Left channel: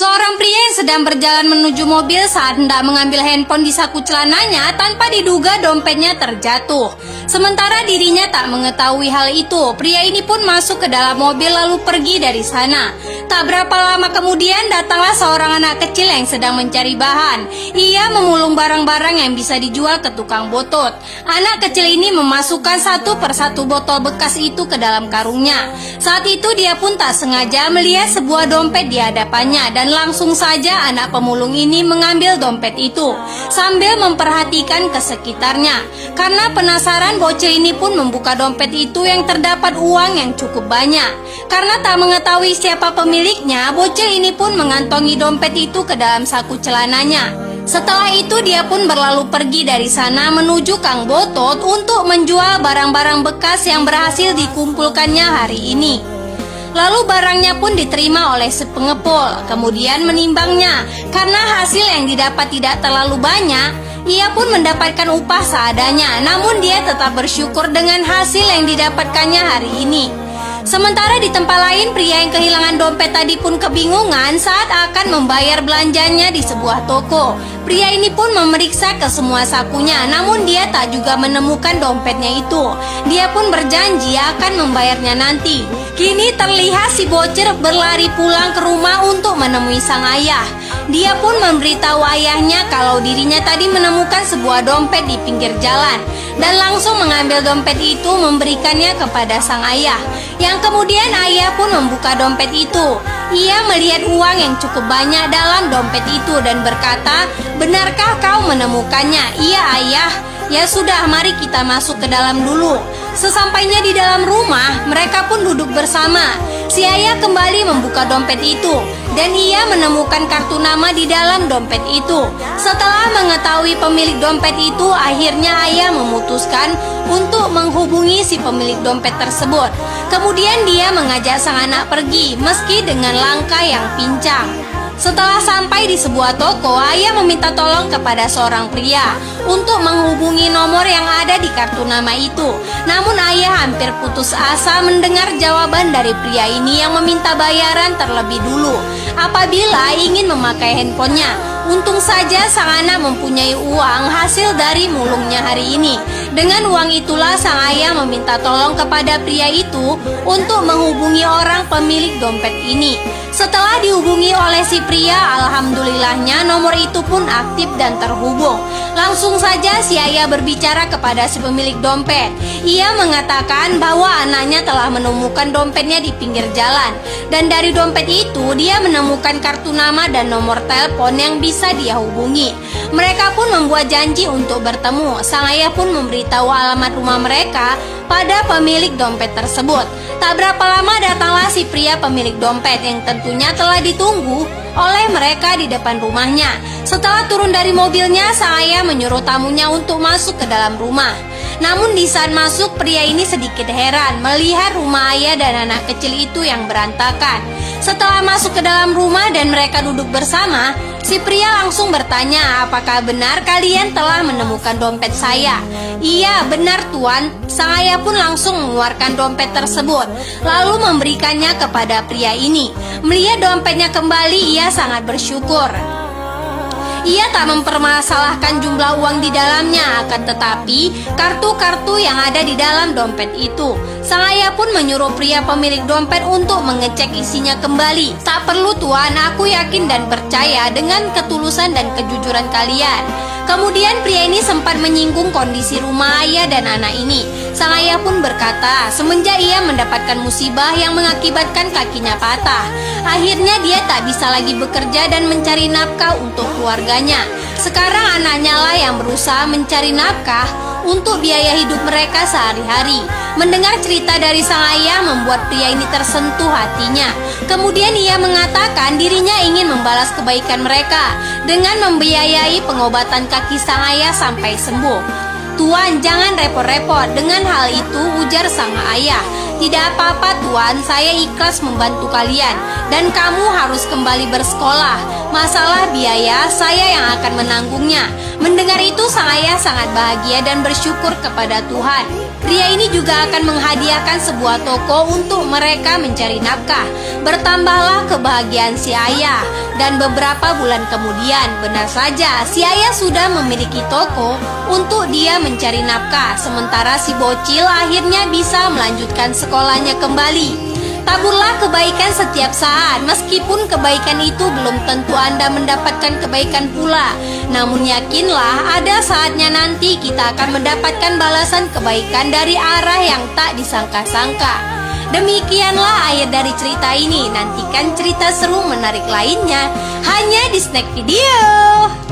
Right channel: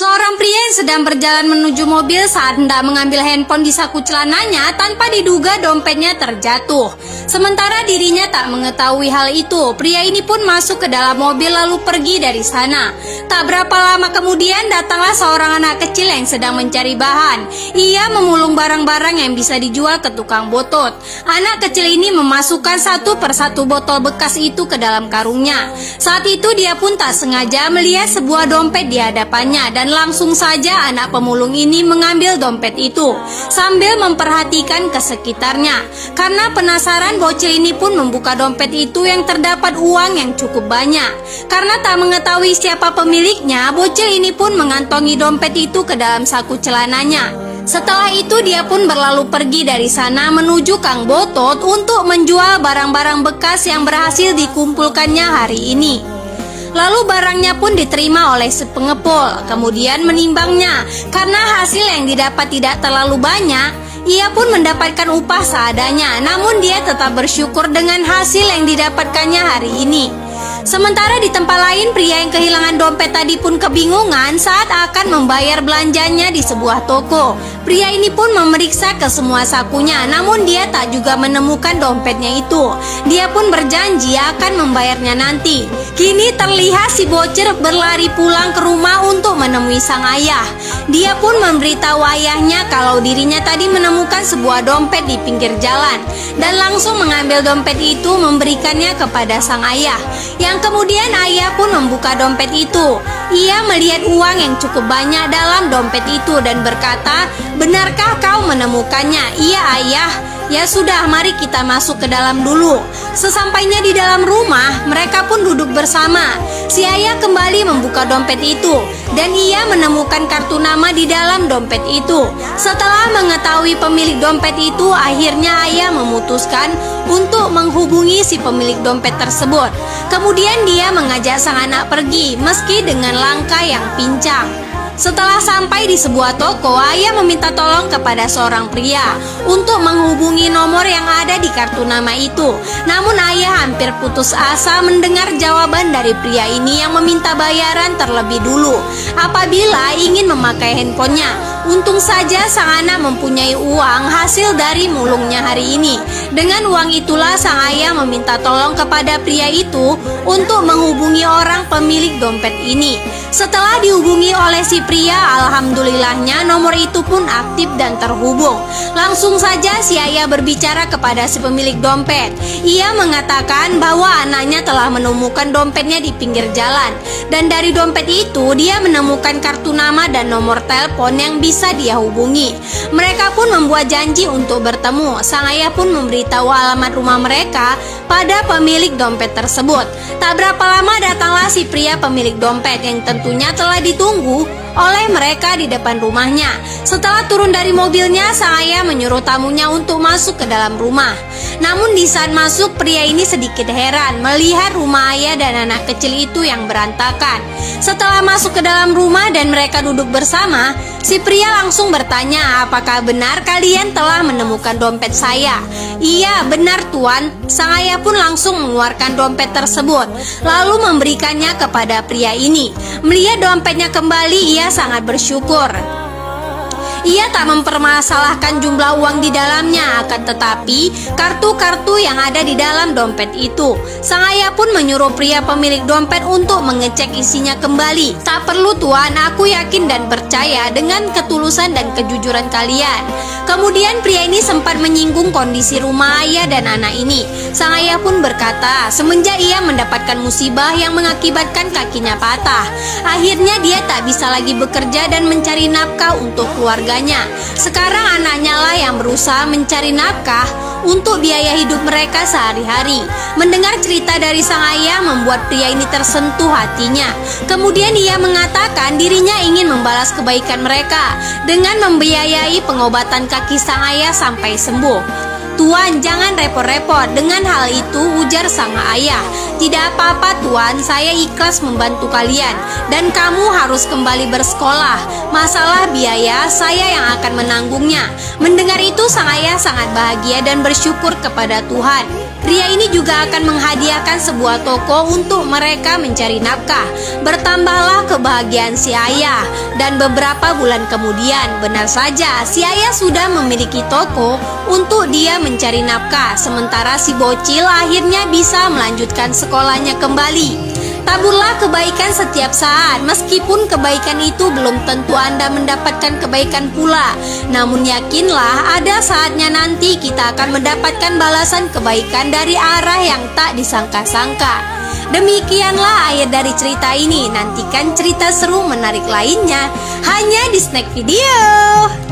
Seorang pria yang sedang berjalan menuju mobil saat hendak mengambil handphone di saku celananya tanpa diduga dompetnya terjatuh. Sementara dirinya tak mengetahui hal itu, pria ini pun masuk ke dalam mobil lalu pergi dari sana. Tak berapa lama kemudian datanglah seorang anak kecil yang sedang mencari bahan. Ia memulung barang-barang yang bisa dijual ke tukang botot. Anak kecil ini memasukkan satu persatu botol bekas itu ke dalam karungnya. Saat itu dia pun tak sengaja melihat sebuah dompet di hadapannya dan langsung saja anak pemulung ini mengambil dompet itu sambil memperhatikan ke sekitarnya. Karena penasaran, bocil ini pun membuka dompet itu yang terdapat uang yang cukup banyak. Karena tak mengetahui siapa pemiliknya, bocil ini pun mengantongi dompet itu ke dalam saku celananya. Setelah itu dia pun berlalu pergi dari sana menuju Kang Botot untuk menjual barang-barang bekas yang berhasil dikumpulkannya hari ini. Lalu barangnya pun diterima oleh si pengepul, kemudian menimbangnya. Karena hasil yang didapat tidak terlalu banyak, ia pun mendapatkan upah seadanya. Namun dia tetap bersyukur dengan hasil yang didapatkannya hari ini. Sementara di tempat lain, pria yang kehilangan dompet tadi pun kebingungan saat akan membayar belanjanya di sebuah toko. Pria ini pun memeriksa ke semua sakunya, namun dia tak juga menemukan dompetnya itu. Dia pun berjanji akan membayarnya nanti. Kini terlihat si bocil berlari pulang ke rumah untuk menemui sang ayah. Dia pun memberitahu ayahnya kalau dirinya tadi menemukan sebuah dompet di pinggir jalan dan langsung mengambil dompet itu memberikannya kepada sang ayah. Yang kemudian ayah pun membuka dompet itu. Ia melihat uang yang cukup banyak dalam dompet itu dan berkata, "Benarkah kau menemukannya?" "Iya ayah." "Ya sudah, mari kita masuk ke dalam dulu." Sesampainya di dalam rumah, mereka pun duduk bersama. Si ayah kembali membuka dompet itu dan ia menemukan kartu nama di dalam dompet itu. Setelah mengetahui pemilik dompet itu, akhirnya ayah memutuskan untuk menghubungi si pemilik dompet tersebut. Kemudian dia mengajak sang anak pergi meski dengan langkah yang pincang. Setelah sampai di sebuah toko, ayah meminta tolong kepada seorang pria untuk menghubungi nomor yang ada di kartu nama itu. Namun ayah hampir putus asa mendengar jawaban dari pria ini yang meminta bayaran terlebih dulu apabila ingin memakai handphonenya. Untung saja sang anak mempunyai uang hasil dari mulungnya hari ini. Dengan uang itulah sang ayah meminta tolong kepada pria itu untuk menghubungi orang pemilik dompet ini. Setelah dihubungi oleh si pria, alhamdulillahnya nomor itu pun aktif dan terhubung. Langsung saja si ayah berbicara kepada si pemilik dompet. Ia mengatakan bahwa anaknya telah menemukan dompetnya di pinggir jalan. Dan dari dompet itu dia menemukan kartu nama dan nomor telepon yang bisa dia hubungi. Mereka pun membuat janji untuk bertemu. Sang ayah pun memberitahu alamat rumah mereka pada pemilik dompet tersebut. Tak berapa lama datanglah si pria pemilik dompet yang tentunya telah ditunggu oleh mereka di depan rumahnya. Setelah turun dari mobilnya, sang ayah menyuruh tamunya untuk masuk ke dalam rumah. Namun di saat masuk, pria ini sedikit heran melihat rumah ayah dan anak kecil itu yang berantakan. Setelah masuk ke dalam rumah dan mereka duduk bersama, si pria langsung bertanya, "Apakah benar kalian telah menemukan dompet saya?" "Iya, benar tuan." Sang ayah pun langsung mengeluarkan dompet tersebut, lalu memberikannya kepada pria ini. Melihat dompetnya kembali, ia sangat bersyukur. Ia tak mempermasalahkan jumlah uang di dalamnya, akan tetapi kartu-kartu yang ada di dalam dompet itu. Sang ayah pun menyuruh pria pemilik dompet untuk mengecek isinya kembali. "Tak perlu tuan, aku yakin dan percaya dengan ketulusan dan kejujuran kalian." Kemudian pria ini sempat menyinggung kondisi rumah ayah dan anak ini. Sang ayah pun berkata, semenjak ia mendapatkan musibah yang mengakibatkan kakinya patah, akhirnya dia tak bisa lagi bekerja dan mencari nafkah untuk keluarganya. Sekarang anaknya lah yang berusaha mencari nafkah untuk biaya hidup mereka sehari-hari. Mendengar cerita dari sang ayah membuat pria ini tersentuh hatinya. Kemudian ia mengatakan dirinya ingin membalas kebaikan mereka dengan membiayai pengobatan kaki sang ayah sampai sembuh. "Tuan, jangan repot-repot dengan hal itu," ujar sang ayah. "Tidak apa-apa tuan, saya ikhlas membantu kalian dan kamu harus kembali bersekolah. Masalah biaya saya yang akan menanggungnya." Mendengar itu sang ayah sangat bahagia dan bersyukur kepada Tuhan. Pria ini juga akan menghadiahkan sebuah toko untuk mereka mencari nafkah. Bertambahlah kebahagiaan si ayah. Dan beberapa bulan kemudian, benar saja, si ayah sudah memiliki toko untuk dia mencari nafkah. Sementara si bocil akhirnya bisa melanjutkan sekolahnya kembali. Taburlah kebaikan setiap saat, meskipun kebaikan itu belum tentu Anda mendapatkan kebaikan pula. Namun yakinlah, ada saatnya nanti kita akan mendapatkan balasan kebaikan dari arah yang tak disangka-sangka. Demikianlah akhir dari cerita ini. Nantikan cerita seru menarik lainnya hanya di Snack Video.